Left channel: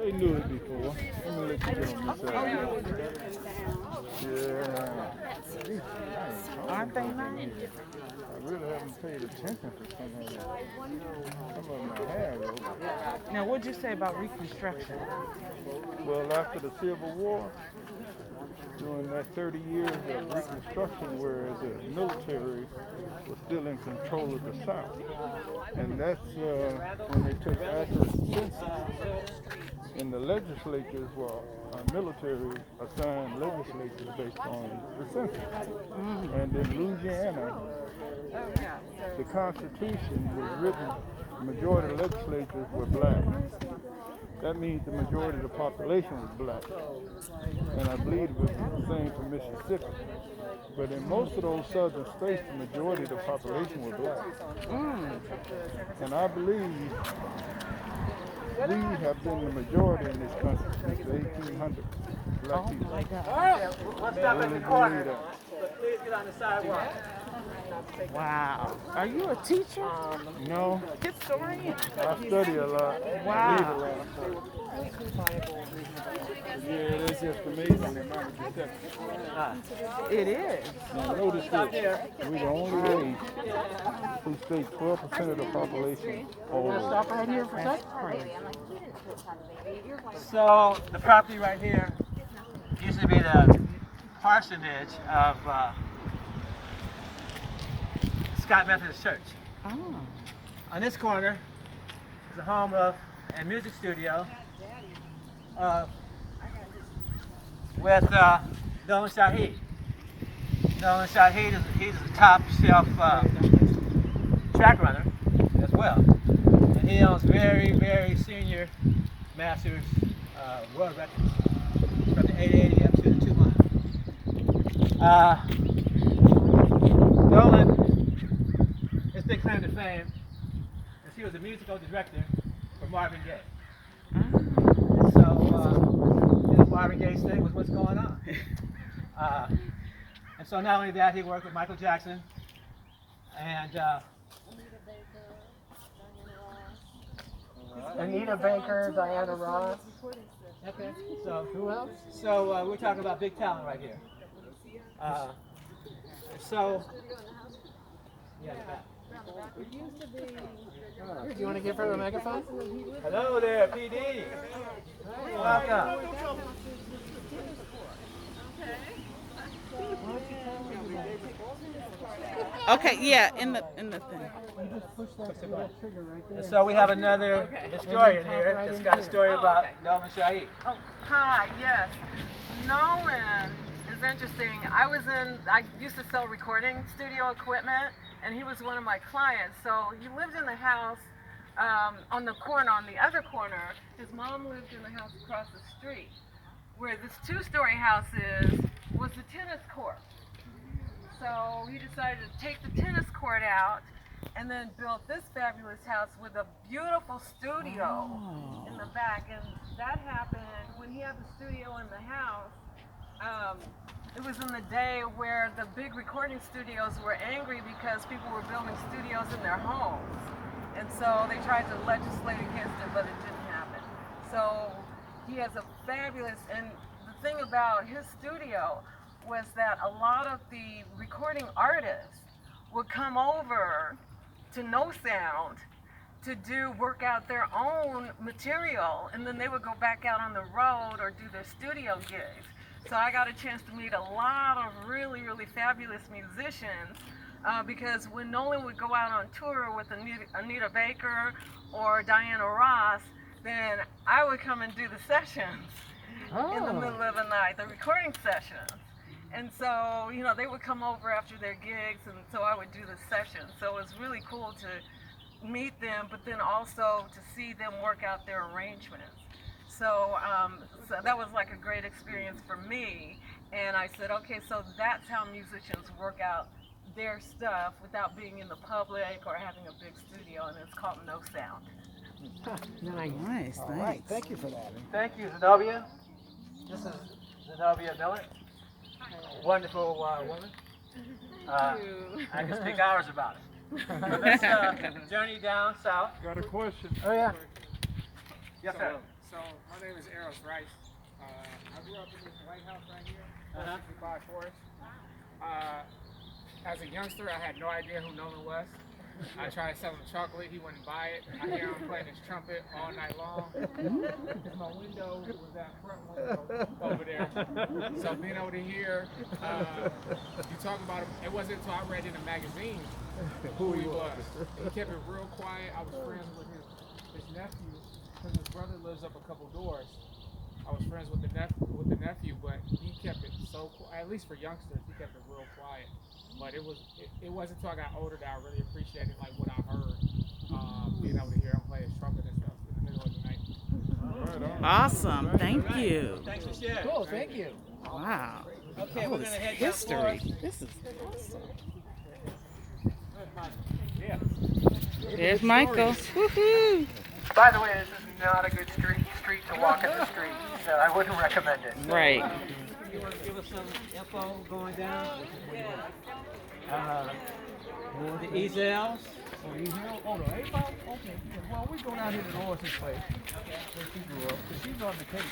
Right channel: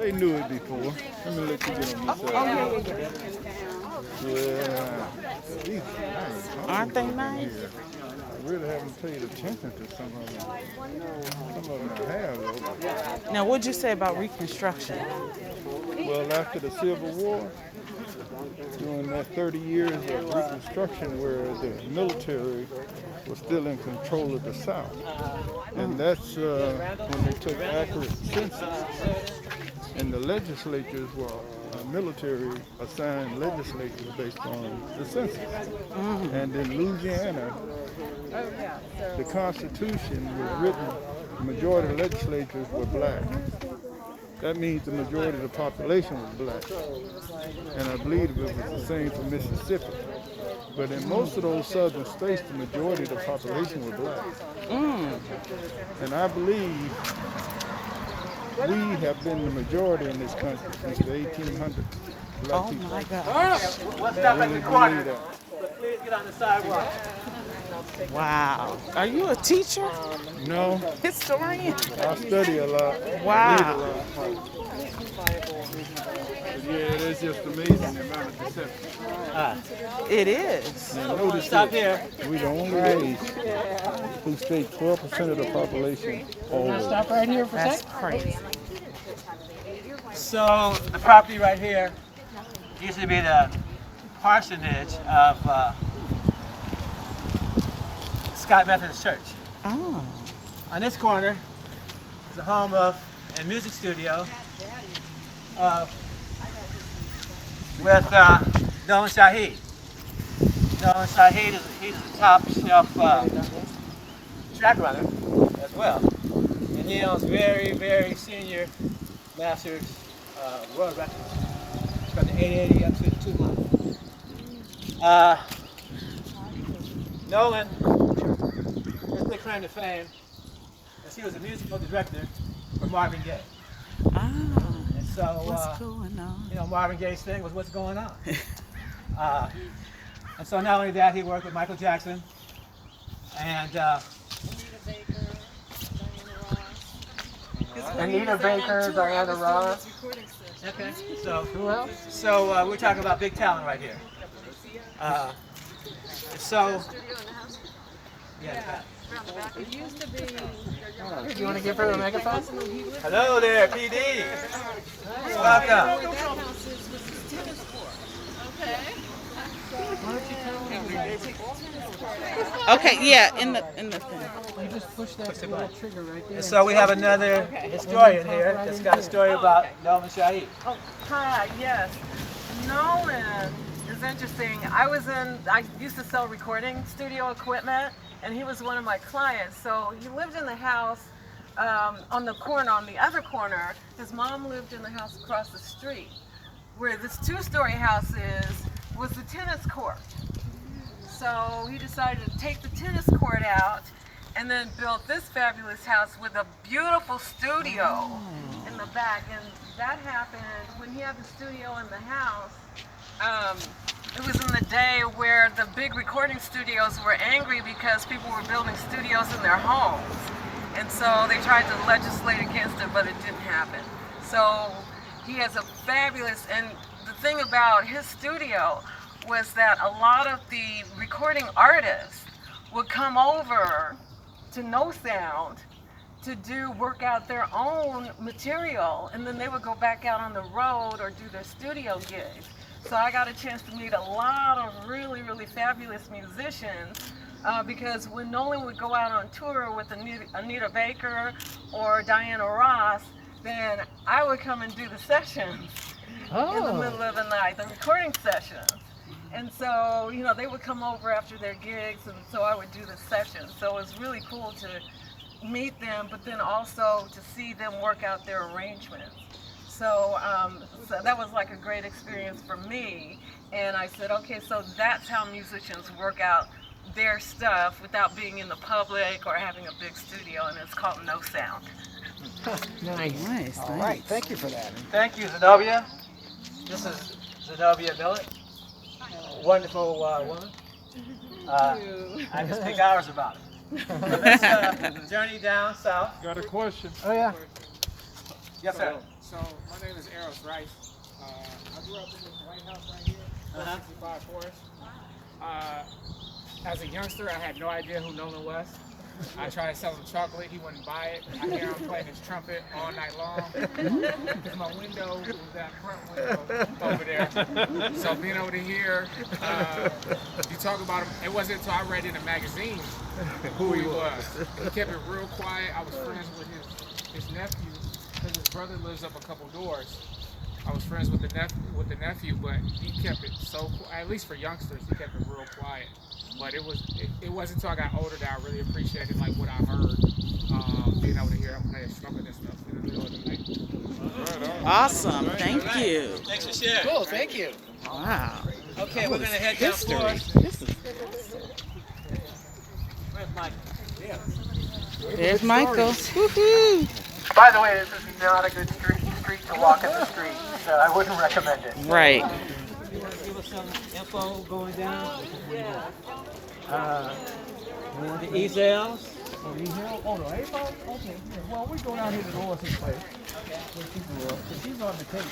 They knew it before. Let me let you get on this side. Yeah. These are nice. Aren't they nice? I really haven't paid attention to some of them. Some of them I have, though. Now, what'd you say about Reconstruction? Well, after the Civil War, during that 30 years of Reconstruction where the military was still in control of the South. And that's when they took accurate census. And the legislatures were military assigned legislatures based on the census. And in Louisiana, the Constitution was written, the majority of the legislatures were black. That means the majority of the population was black. And I believe it was the same for Mississippi. But in most of those southern states, the majority of the population was black. And I believe we have been the majority in this country since the 1800s. Black Oh people. my God. Let's stop at the corner. But please get on the sidewalk. Wow. Are you a teacher? No, Historian? I study a lot. Wow. Read a lot. Yeah, it's just amazing the amount of deception. It is. Now notice Stop this. here. We're the only race who state 12% of the population always. Stop right here for a That's second. crazy. So the property right here used to be the parsonage of Scott Methodist Church. Oh. On this corner is the home of a music studio with Nolan Shaheed. Nolan Shaheed he's a top shelf track runner as well. And he owns very, very senior masters world records from the 880 up to the 200. Nolan, his big claim to fame is he was a musical director for Marvin Gaye. Ah. So, Marvin Gaye's thing was what's going on. And so not only that, he worked with Michael Jackson and Anita Baker, Diana Ross. Okay, so who else? So we're talking about big talent right here. So, yeah. It used to be. Do you want to give her a megaphone? Hello there, PD. Welcome. Okay, yeah, in the thing. You just push that little trigger right there. So we have another historian here that's got a story about Nolan Shaheed. Oh, hi, yes. Nolan is interesting. I used to sell recording studio equipment, and he was one of my clients. So he lived in the house on the corner, on the other corner. His mom lived in the house across the street. Where this two-story house was the tennis court. So he decided to take the tennis court out and then built this fabulous house with a beautiful studio in the back. And that happened when he had the studio in the house. It was in the day where the big recording studios were angry because people were building studios in their homes. And so they tried to legislate against it, but it didn't happen. So he has a fabulous, and the thing about his studio was that a lot of the recording artists would come over to No Sound to work out their own material, and then they would go back out on the road or do their studio gigs. So I got a chance to meet a lot of really, really fabulous musicians because when Nolan would go out on tour with Anita Baker or Diana Ross, then I would come and do the sessions in the middle of the night, the recording sessions. And so, they would come over after their gigs, and so I would do the sessions. So it was really cool to meet them, but then also to see them work out their arrangements. So that was like a great experience for me. And I said, okay, so that's how musicians work out their stuff without being in the public or having a big studio, and it's called No Sound. Nice. All right, thank you for that. And thank you, Zenobia. This is Zenobia Millett, a wonderful woman. I can speak hours about it. Let's journey down south. Got a question. Oh, yeah. Yes, sir. So my name is Eros Rice. I grew up in this White House right here, 465 Forest. As a youngster, I had no idea who Nolan was. I tried to sell him chocolate, he wouldn't buy it. I hear him playing his trumpet all night long. Because my window was that front window over there. So being able to hear you talk about him, it wasn't until I read in a magazine who he was. He kept it real quiet. I was friends with his nephew, because his brother lives up a couple doors. I was friends with the nephew, but he kept it so at least for youngsters, he kept it real quiet. But it wasn't until I got older that I really appreciated like what I heard, being able to hear him play his trumpet and stuff in the middle of the night. Awesome. Thank you. Thanks for sharing. Cool, thank you. Wow. Okay, we're gonna head down History. Forest. This is Where's Michael? There's Michael. Woohoo. By the way, this is not a good street to walk in the street, so I wouldn't recommend it. Right. You want to give us some info going down? Yeah. The easels. Oh, the A-Ball? Okay. Yeah. Well, we go down here to Lois's place, where she grew up, because she's on the Cape.